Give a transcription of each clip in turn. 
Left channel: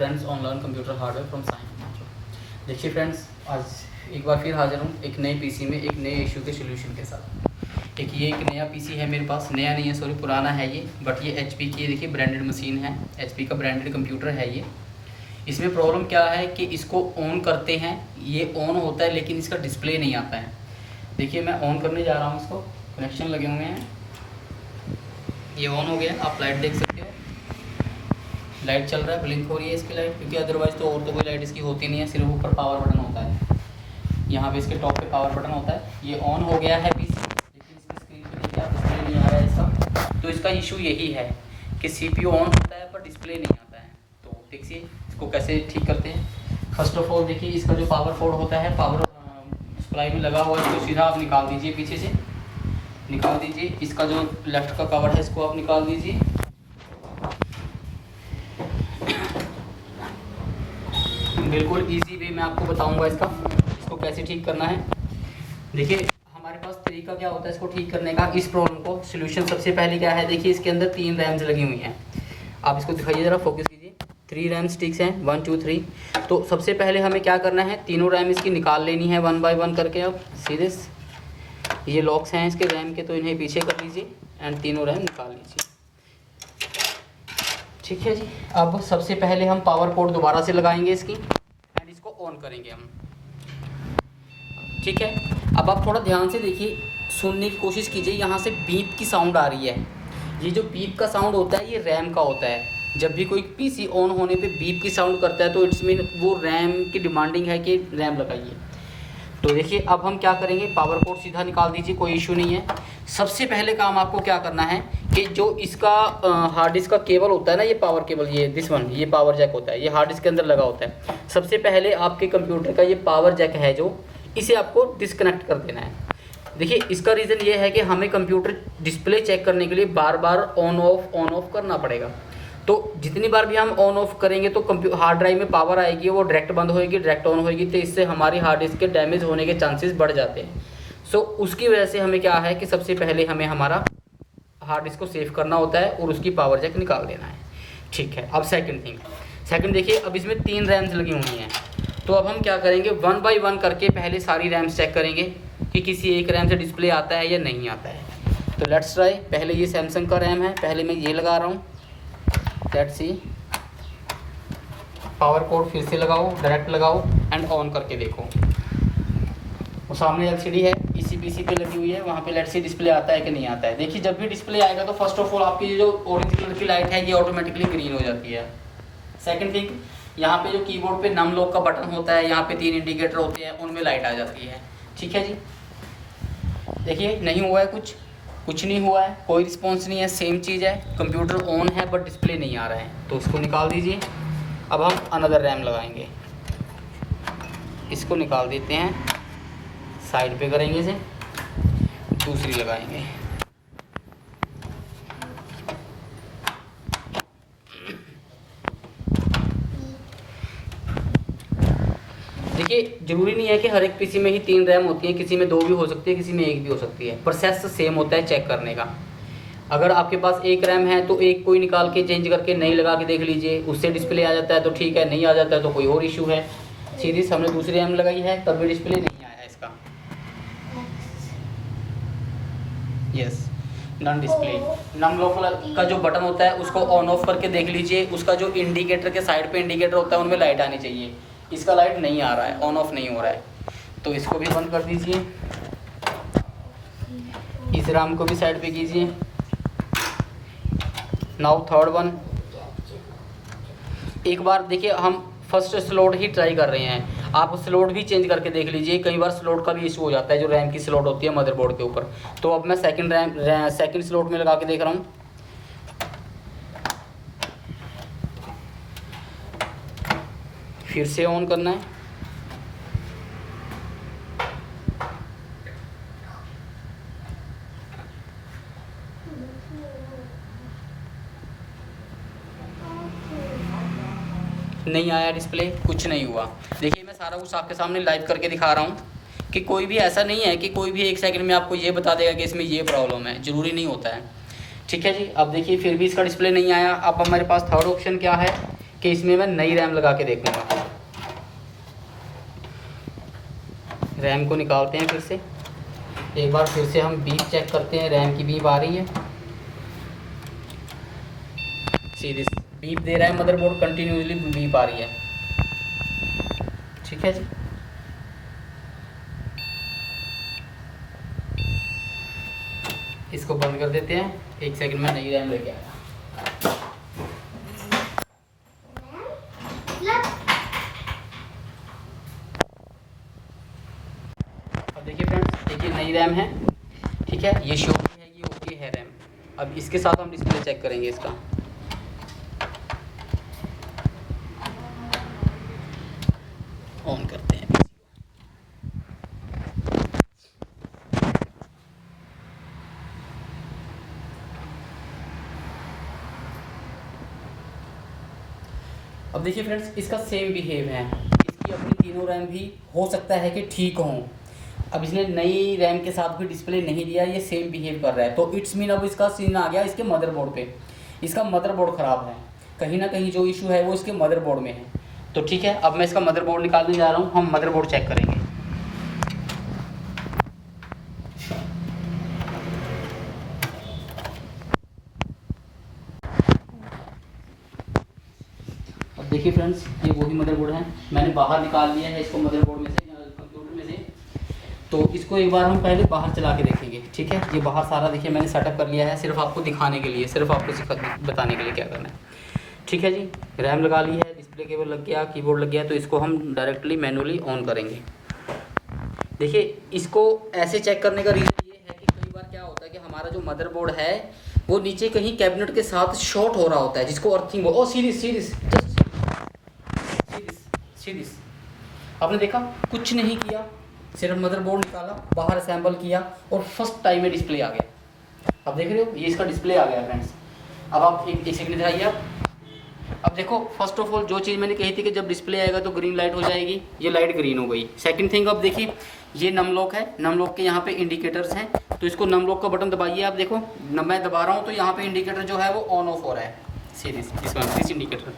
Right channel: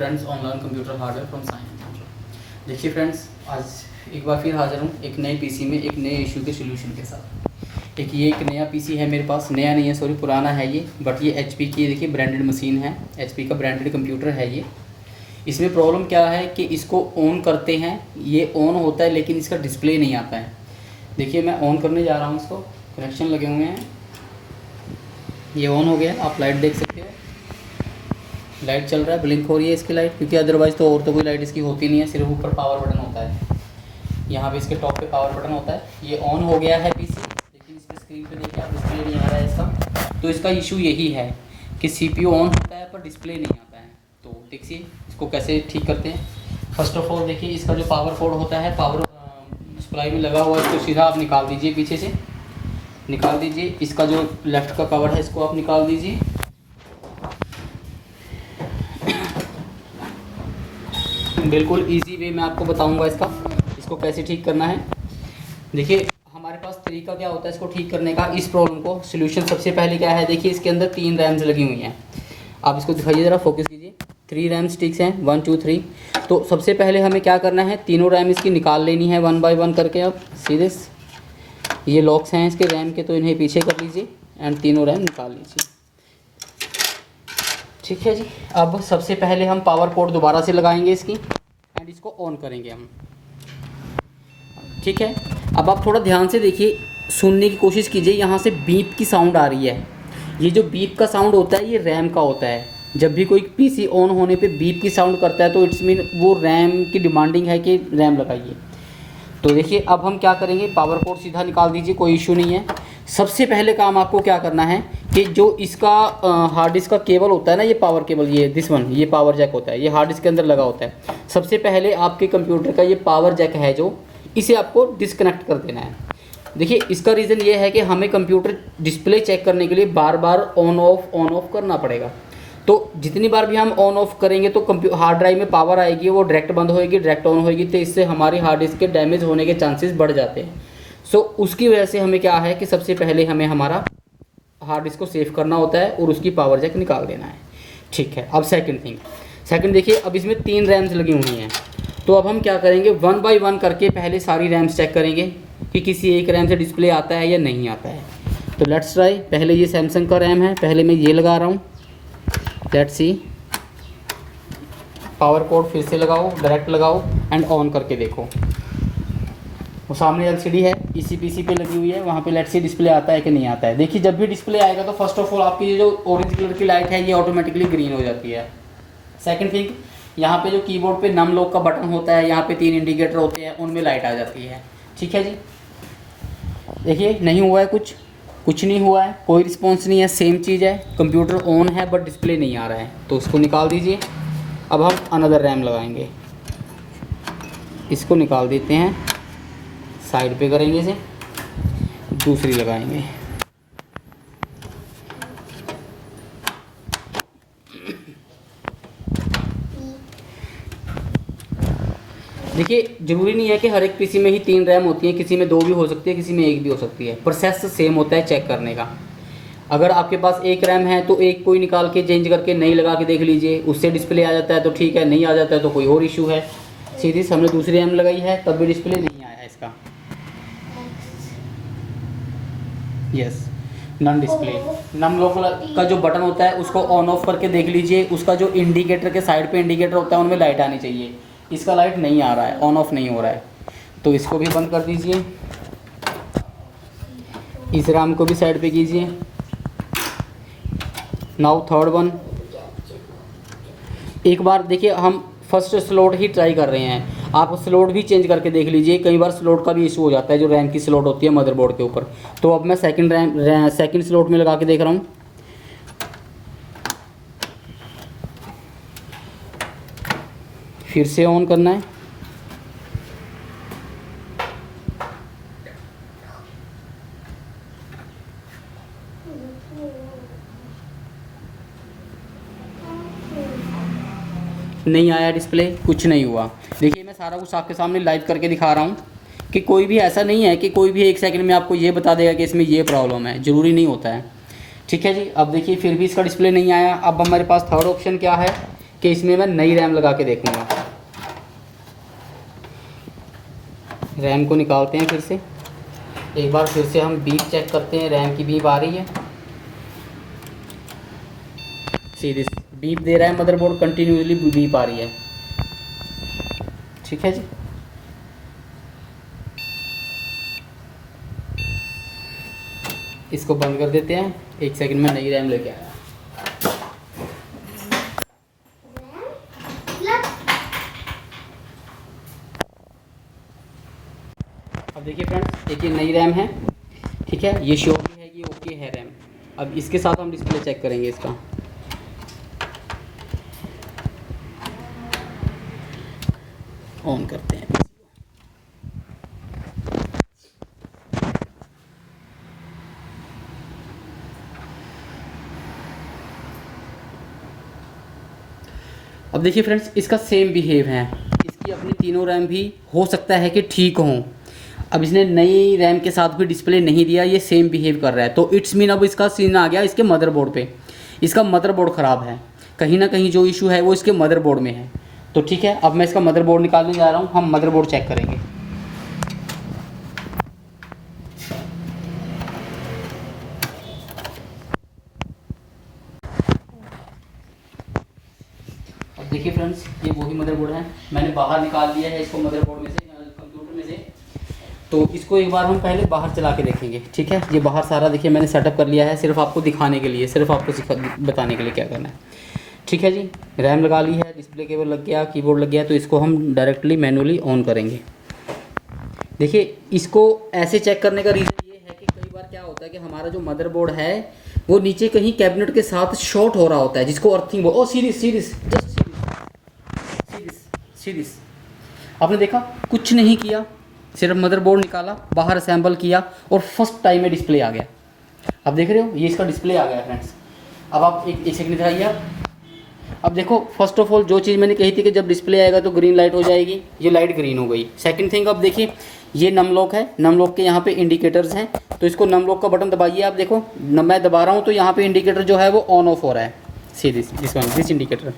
Friends online computer hardware from science. देखिए friends, आज एक बार फिर हाजिर हूँ एक नए पीसी में एक नए इशू के सॉल्यूशन के साथ। एक नया पीसी है मेरे पास, नया नहीं है सॉरी पुराना है ये, बट ये एचपी की देखिए ब्रांडेड मशीन है, एचपी का ब्रांडेड कंप्यूटर है ये। इसमें प्रॉब्लम क्या है कि इसको ऑन करते हैं, ये ऑन होता है लेकिन इसका डिस्प्ले नहीं आता है। देखिए मैं ऑन करने जा रहा हूँ, इसको कनेक्शन लगे हुए हैं, ये ऑन हो गया, आप लाइट देख सकते हो, लाइट चल रहा है, ब्लिंक हो रही है इसकी लाइट, क्योंकि अदरवाइज़ तो और तो कोई लाइट इसकी होती नहीं है, सिर्फ ऊपर पावर बटन होता है, यहाँ पे इसके टॉप पे पावर बटन होता है। ये ऑन हो गया है पीसी, लेकिन इसकी स्क्रीन पे देखिए डिस्प्ले नहीं आ रहा है इसका। तो इसका इशू यही है कि सीपीयू ऑन होता है पर डिस्प्ले नहीं आता है। तो देखिए इसको कैसे ठीक करते हैं। फर्स्ट ऑफ ऑल देखिए इसका जो पावर पोर्ट होता है, पावर सप्लाई में लगा हुआ है, इसको सीधा आप निकाल दीजिए, पीछे से निकाल दीजिए। इसका जो लेफ्ट का कवर है इसको आप निकाल दीजिए। बिल्कुल इजी वे मैं आपको बताऊंगा इसको कैसे ठीक करना है। देखिए हमारे पास तरीका क्या होता है इसको ठीक करने का, इस प्रॉब्लम को सॉल्यूशन सबसे पहले क्या है, देखिए इसके अंदर 3 रैम्स लगी हुई हैं। आप इसको दिखाइए ज़रा, फोकस कीजिए। 3 रैम स्टिक्स हैं, 1 2 3। तो सबसे पहले हमें क्या करना है, तीनों रैम इसकी निकाल लेनी है 1 बाय 1 करके। अब सीधे ये लॉक्स हैं इसके रैम के, तो इन्हें पीछे कर लीजिए एंड तीनों रैम निकाल लीजिए। ठीक है जी। अब सबसे पहले हम पावर पोर्ट दोबारा से लगाएंगे इसकी एंड इसको ऑन करेंगे हम। ठीक है, अब आप थोड़ा ध्यान से देखिए, सुनने की कोशिश कीजिए। यहाँ से बीप की साउंड आ रही है, ये जो बीप का साउंड होता है ये रैम का होता है। जब भी कोई पीसी ऑन होने पे बीप की साउंड करता है तो इट्स मीन वो रैम की डिमांडिंग है कि रैम लगाइए। तो देखिए अब हम क्या करेंगे, पावर पोर्ट सीधा निकाल दीजिए, कोई इशू नहीं है। सबसे पहले काम आपको क्या करना है कि जो इसका हार्ड डिस्क का केबल होता है ना, ये पावर केबल, ये दिस वन, ये पावर जैक होता है, ये हार्ड डिस्क के अंदर लगा होता है। सबसे पहले आपके कंप्यूटर का ये पावर जैक है जो, इसे आपको डिस्कनेक्ट कर देना है। देखिए इसका रीज़न ये है कि हमें कंप्यूटर डिस्प्ले चेक करने के लिए बार बार ऑन ऑफ करना पड़ेगा। तो जितनी बार भी हम ऑन ऑफ करेंगे तो हार्ड ड्राइव में पावर आएगी, वो डायरेक्ट बंद होएगी, डायरेक्ट ऑन होएगी, तो इससे हमारी हार्ड डिस्क के डैमेज होने के चांसेस बढ़ जाते हैं। सो उसकी वजह से हमें क्या है कि सबसे पहले हमें हमारा हार्ड डिस्क को सेव करना होता है और उसकी पावर जैक निकाल देना है। ठीक है, अब सेकंड देखिए, अब इसमें 3 रैम्स लगी हुई हैं। तो अब हम क्या करेंगे, 1 बाय 1 करके पहले सारी रैम्स चेक करेंगे कि किसी एक रैम से डिस्प्ले आता है या नहीं आता है। तो लेट्स ट्राई। पहले ये सैमसंग का रैम है, पहले मैं ये लगा रहा हूँ, लेट्स सी। पावर कोड फिर से लगाओ, डायरेक्ट लगाओ एंड ऑन करके देखो। वो सामने एलसीडी है, इसी पीसी पे लगी हुई है, वहाँ पे लेट्स सी डिस्प्ले आता है कि नहीं आता है। देखिए जब भी डिस्प्ले आएगा तो फर्स्ट ऑफ ऑल आपकी ये जो ऑरेंज कलर की लाइट है ये ऑटोमेटिकली ग्रीन हो जाती है। सेकंड थिंग, यहाँ पे जो कीबोर्ड पे नम लॉक का बटन होता है, यहाँ पे 3 इंडिकेटर होते हैं, उनमें लाइट आ जाती है। ठीक है जी। देखिए नहीं हुआ है, कुछ नहीं हुआ है, कोई रिस्पॉन्स नहीं है, सेम चीज़ है, कंप्यूटर ऑन है बट डिस्प्ले नहीं आ रहा है, तो उसको निकाल दीजिए। अब हम अनदर रैम लगाएंगे, इसको निकाल देते हैं, साइड पे करेंगे इसे, दूसरी लगाएंगे। देखिए ज़रूरी नहीं है कि हर एक पीसी में ही 3 रैम होती है, किसी में 2 भी हो सकती है, किसी में 1 भी हो सकती है। प्रोसेस सेम होता है चेक करने का। अगर आपके पास 1 रैम है तो एक कोई निकाल के चेंज करके नई लगा के देख लीजिए, उससे डिस्प्ले आ जाता है तो ठीक है, नहीं आ जाता है तो कोई और इशू है। सीधी हमने दूसरी रैम लगाई है तब भी डिस्प्ले नहीं आया है इसका। Yes, non display. Num lock का जो बटन होता है उसको ऑन ऑफ करके देख लीजिए, उसका जो इंडिकेटर के साइड पे इंडिकेटर होता है उनमें लाइट आनी चाहिए, इसका लाइट नहीं आ रहा है, ऑन ऑफ नहीं हो रहा है, तो इसको भी बंद कर दीजिए। इस रैम को भी साइड पे कीजिए। Now third one. एक बार देखिए हम फर्स्ट स्लॉट ही ट्राई कर रहे हैं, आप स्लॉट भी चेंज करके देख लीजिए, कई बार स्लॉट का भी इशू हो जाता है, जो रैम की स्लॉट होती है मदरबोर्ड के ऊपर। तो अब मैं सेकंड स्लॉट में लगा के देख रहा हूँ। फिर से ऑन करना है, नहीं आया डिस्प्ले, कुछ नहीं हुआ। देखिए मैं सारा कुछ आपके सामने लाइव करके दिखा रहा हूँ कि कोई भी ऐसा नहीं है कि कोई भी 1 सेकंड में आपको ये बता देगा कि इसमें ये प्रॉब्लम है, ज़रूरी नहीं होता है। ठीक है जी। अब देखिए फिर भी इसका डिस्प्ले नहीं आया। अब हमारे पास थर्ड ऑप्शन क्या है कि इसमें मैं नई रैम लगा के देखूँगा। रैम को निकालते हैं फिर से, एक बार फिर से हम बीप चेक करते हैं। रैम की बीप आ रही है, सीरीज बीप दे रहा है मदरबोर्ड, कंटिन्यूसली बीप आ रही है। ठीक है जी, इसको बंद कर देते हैं। 1 सेकंड में नई रैम लेके आया। अब देखिए फ्रेंड्स, देखिए नई रैम है। ठीक है, ये शो है, ये ओके है रैम। अब इसके साथ हम डिस्प्ले चेक करेंगे इसका। ऑन करते हैं। अब देखिए फ्रेंड्स, इसका सेम बिहेव है। इसकी अपनी तीनों रैम भी हो सकता है कि ठीक हों। अब इसने नई रैम के साथ भी डिस्प्ले नहीं दिया, ये सेम बिहेव कर रहा है। तो इट्स मीन अब इसका सीन आ गया इसके मदरबोर्ड पे। इसका मदरबोर्ड ख़राब है, कहीं ना कहीं जो इशू है वो इसके मदरबोर्ड में है। तो ठीक है, अब मैं इसका मदरबोर्ड निकालने जा रहा हूँ। हम मदरबोर्ड चेक करेंगे। अब देखिए फ्रेंड्स, ये वही मदरबोर्ड है। मैंने बाहर निकाल लिया है इसको मदरबोर्ड में से, कंप्यूटर में से। तो इसको एक बार हम पहले बाहर चला के देखेंगे। ठीक है, ये बाहर सारा देखिए मैंने सेटअप कर लिया है, सिर्फ आपको दिखाने के लिए, सिर्फ आपको बताने के लिए क्या करना है। ठीक है जी, रैम लगा ली है, डिस्प्ले केबल लग गया, कीबोर्ड लग गया। तो इसको हम डायरेक्टली मैनुअली ऑन करेंगे। देखिए, इसको ऐसे चेक करने का रीज़न ये है कि कई बार क्या होता है कि हमारा जो मदरबोर्ड है वो नीचे कहीं कैबिनेट के साथ शॉर्ट हो रहा होता है, जिसको अर्थिंग ओ सीरीज आपने देखा, कुछ नहीं किया, सिर्फ मदरबोर्ड निकाला, बाहर असेंबल किया और फर्स्ट टाइम में डिस्प्ले आ गया। अब देख रहे हो, ये इसका डिस्प्ले आ गया फ्रेंड्स। अब आप एक सेकंड दिखाइए आप। अब देखो, फर्स्ट ऑफ ऑल जो चीज़ मैंने कही थी कि जब डिस्प्ले आएगा तो ग्रीन लाइट हो जाएगी, ये लाइट ग्रीन हो गई। सेकंड थिंग, अब देखिए ये नम लॉक है, नम लॉक के यहाँ पे इंडिकेटर्स हैं। तो इसको नम लॉक का बटन दबाइए। आप देखो, मैं दबा रहा हूँ तो यहाँ पे इंडिकेटर जो है वो ऑन ऑफ हो रहा है। See this indicator.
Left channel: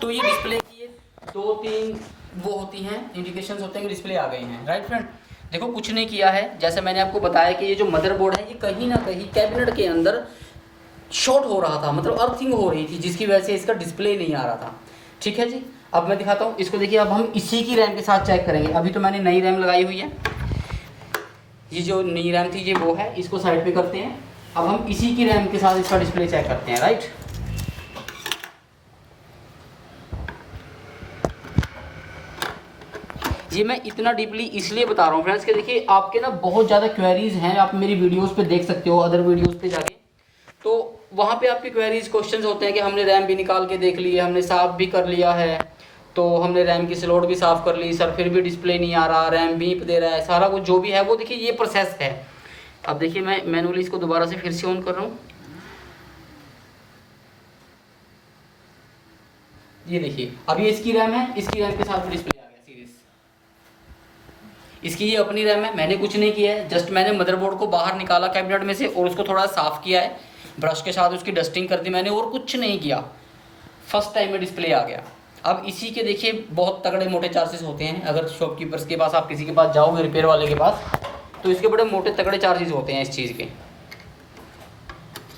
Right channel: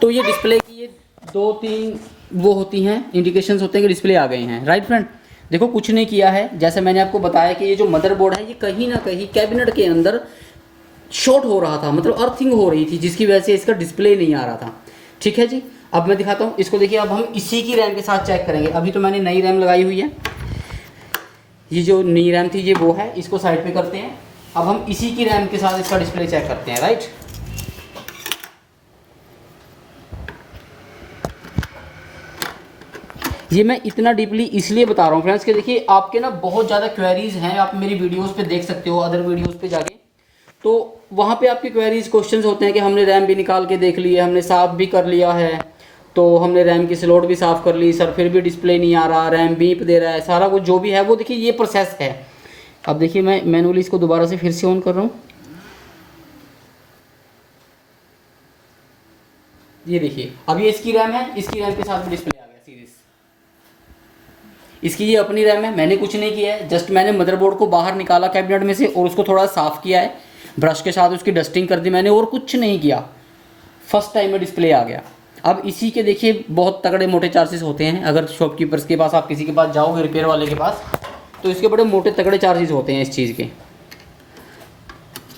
तो ये डिस्प्ले की ये 2-3 वो होती हैं, इंडिकेशंस होते हैं कि डिस्प्ले आ गए हैं। राइट फ्रेंड, देखो कुछ नहीं किया है। जैसे मैंने आपको बताया कि ये जो मदरबोर्ड है ये कहीं ना कहीं कैबिनेट के अंदर शॉर्ट हो रहा था, मतलब अर्थिंग हो रही थी, जिसकी वजह से इसका डिस्प्ले नहीं आ रहा था। ठीक है जी, अब मैं दिखाता हूँ इसको। देखिए, अब हम इसी की रैम के साथ चेक करेंगे। अभी तो मैंने नई रैम लगाई हुई है, ये जो नई रैम थी ये वो है, इसको साइड पे करते हैं। अब हम इसी की रैम के साथ इसका डिस्प्ले चेक करते हैं। राइट, ये मैं इतना डीपली इसलिए बता रहा हूँ फ्रेंड्स कि देखिए आपके ना बहुत ज़्यादा क्वेरीज हैं, आप मेरी वीडियोस पे देख सकते हो, अदर वीडियोस पे जाके। तो वहाँ पे आपकी क्वेरीज क्वेश्चंस होते हैं कि हमने रैम भी निकाल के देख ली है, हमने साफ़ भी कर लिया है, तो हमने रैम की स्लॉट भी साफ़ कर ली सर, फिर भी डिस्प्ले नहीं आ रहा, रैम बीप दे रहा है, सारा कुछ जो भी है वो देखिए ये प्रोसेस है। अब देखिए, मैं मैनुअली इसको दोबारा से फिर से ऑन कर रहा हूँ। ये देखिए, अब ये इसकी रैम है, इसकी रैम के साथ डिस्प्ले आ गया सीरीज। इसकी ये अपनी रैम है, मैंने कुछ नहीं किया है, जस्ट मैंने मदरबोर्ड को बाहर निकाला कैबिनेट में से और उसको थोड़ा साफ़ किया है, ब्रश के साथ उसकी डस्टिंग कर दी मैंने, और कुछ नहीं किया। फर्स्ट टाइम में डिस्प्ले आ गया। अब इसी के देखिए बहुत तगड़े मोटे चार्जेस होते हैं। अगर शॉपकीपर्स के पास आप किसी के पास जाओगे, रिपेयर वाले के पास, तो इसके बड़े मोटे तगड़े चार्जेस होते हैं इस चीज़ के।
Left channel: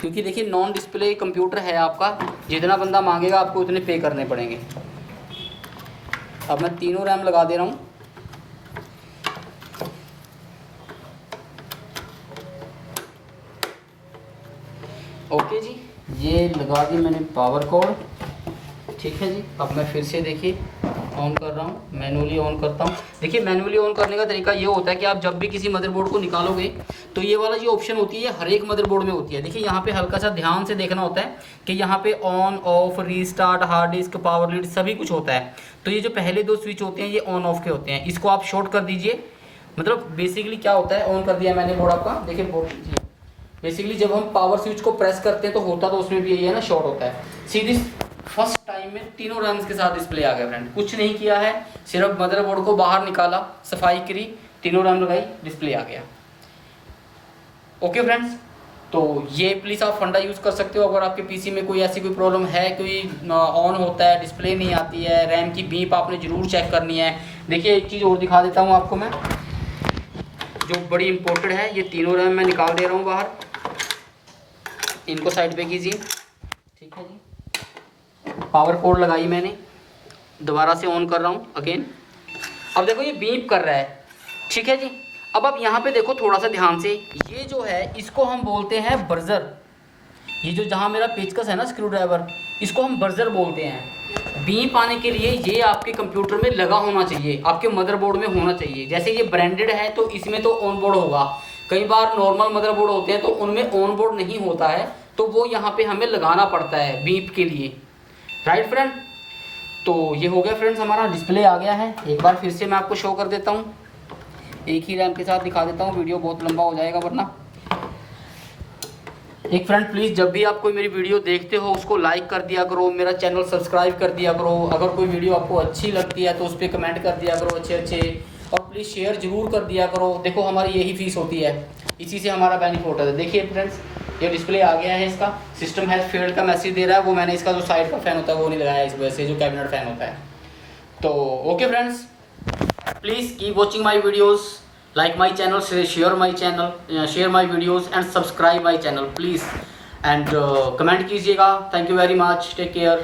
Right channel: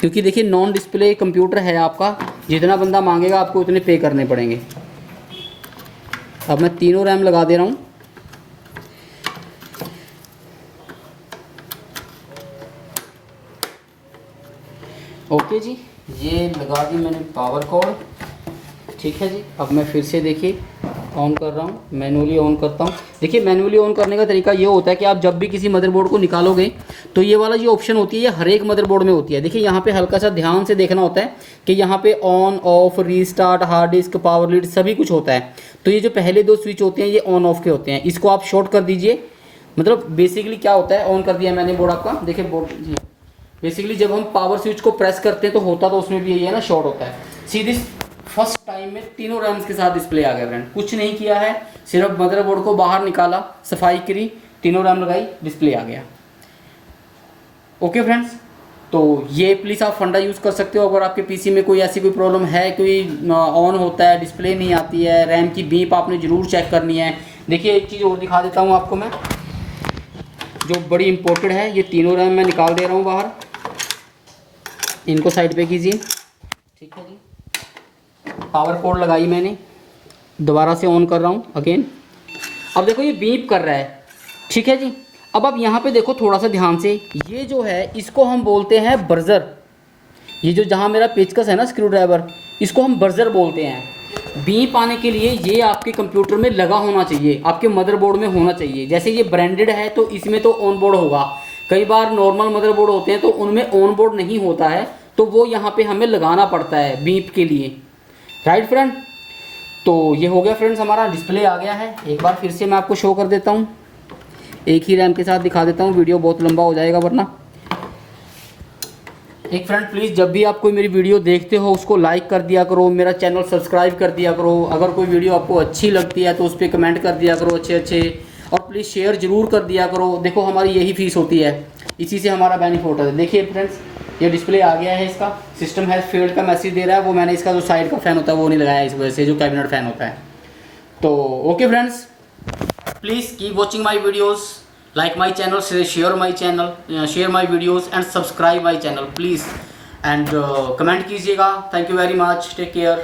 क्योंकि देखिए नॉन डिस्प्ले कंप्यूटर है आपका, जितना बंदा मांगेगा आपको उतने पे करने पड़ेंगे। अब मैं तीनों रैम लगा दे रहा हूँ। ओके जी, ये लगा दी मैंने पावर कॉर्ड। ठीक है जी, अब मैं फिर से देखिए ऑन कर रहा हूँ, मैनुअली ऑन करता हूँ। देखिए मैनुअली ऑन करने का तरीका ये होता है कि आप जब भी किसी मदरबोर्ड को निकालोगे तो ये वाला जो ऑप्शन होती है ये हर एक मदरबोर्ड में होती है। देखिए यहाँ पे हल्का सा ध्यान से देखना होता है कि यहाँ पे on off, restart, hard disk, power lead सभी कुछ होता है। तो ये जो पहले 2 स्विच होते हैं ये ऑन ऑफ के होते हैं, इसको आप शॉर्ट कर दीजिए। मतलब बेसिकली क्या होता है, ऑन कर दिया मैंने बोर्ड आपका, देखिए बोर्ड बेसिकली जब हम पावर स्विच को प्रेस करते हैं तो होता तो उसमें भी यही है ना, शॉर्ट होता है। सीधी फर्स्ट टाइम में तीनों रैम्स के साथ डिस्प्ले आ गया फ्रेंड, कुछ नहीं किया है, सिर्फ मदरबोर्ड को बाहर निकाला, सफाई करी, तीनों रैम लगाई, डिस्प्ले आ गया। ओके फ्रेंड्स, तो ये प्लीज़ आप फंडा यूज़ कर सकते हो अगर आपके पीसी में कोई ऐसी कोई प्रॉब्लम है, कोई ऑन होता है, डिस्प्ले नहीं आती है, रैम की बीप आपने ज़रूर चेक करनी है। देखिए एक चीज़ और दिखा देता हूँ आपको मैं, जो बड़ी इम्पोर्टेंट है। ये तीनों रैम मैं निकाल दे रहा हूँ बाहर, इनको साइड पे कीजिए। ठीक है जी, पावर कोड लगाई मैंने, दोबारा से ऑन कर रहा हूँ अगेन। अब देखो ये बीप कर रहा है, ठीक है जी। अब आप यहाँ पे देखो थोड़ा सा ध्यान से, ये जो है इसको हम बोलते हैं बर्जर। ये जो जहाँ मेरा पेचकस है ना स्क्रू ड्राइवर, इसको हम बर्जर बोलते हैं। बीप आने के लिए ये आपके कंप्यूटर में लगा होना चाहिए, आपके मदरबोर्ड में होना चाहिए। जैसे ये ब्रांडेड है तो इसमें तो ऑन बोर्ड होगा, कई बार नॉर्मल मदरबोर्ड होते हैं तो उनमें ऑन बोर्ड नहीं होता है, तो वो यहाँ पे हमें लगाना पड़ता है बीप के लिए, राइट फ्रेंड। तो ये हो गया फ्रेंड्स, हमारा डिस्प्ले आ गया है। एक बार फिर से मैं आपको शो कर देता हूँ, एक ही रैम के साथ दिखा देता हूँ, वीडियो बहुत लंबा हो जाएगा वरना। एक फ्रेंड प्लीज़ जब भी आप कोई मेरी वीडियो देखते हो उसको लाइक कर दिया करो, मेरा चैनल सब्सक्राइब कर दिया करो। अगर कोई वीडियो आपको अच्छी लगती है तो उस पर कमेंट कर दिया करो अच्छे, और प्लीज़ शेयर ज़रूर कर दिया करो। देखो हमारी यही फीस होती है, इसी से हमारा बेनिफिट है। देखिए फ्रेंड्स ये डिस्प्ले आ गया है, इसका सिस्टम हैज़ फेल्ड का मैसेज दे रहा है। वो मैंने इसका जो साइड का फ़ैन होता है वो नहीं लगाया इस वजह से, जो कैबिनेट फ़ैन होता है। तो okay friends, please keep watching my videos, like my channel, share my channel, share my videos and subscribe my channel please, and comment कीजिएगा। Thank you very much, take care.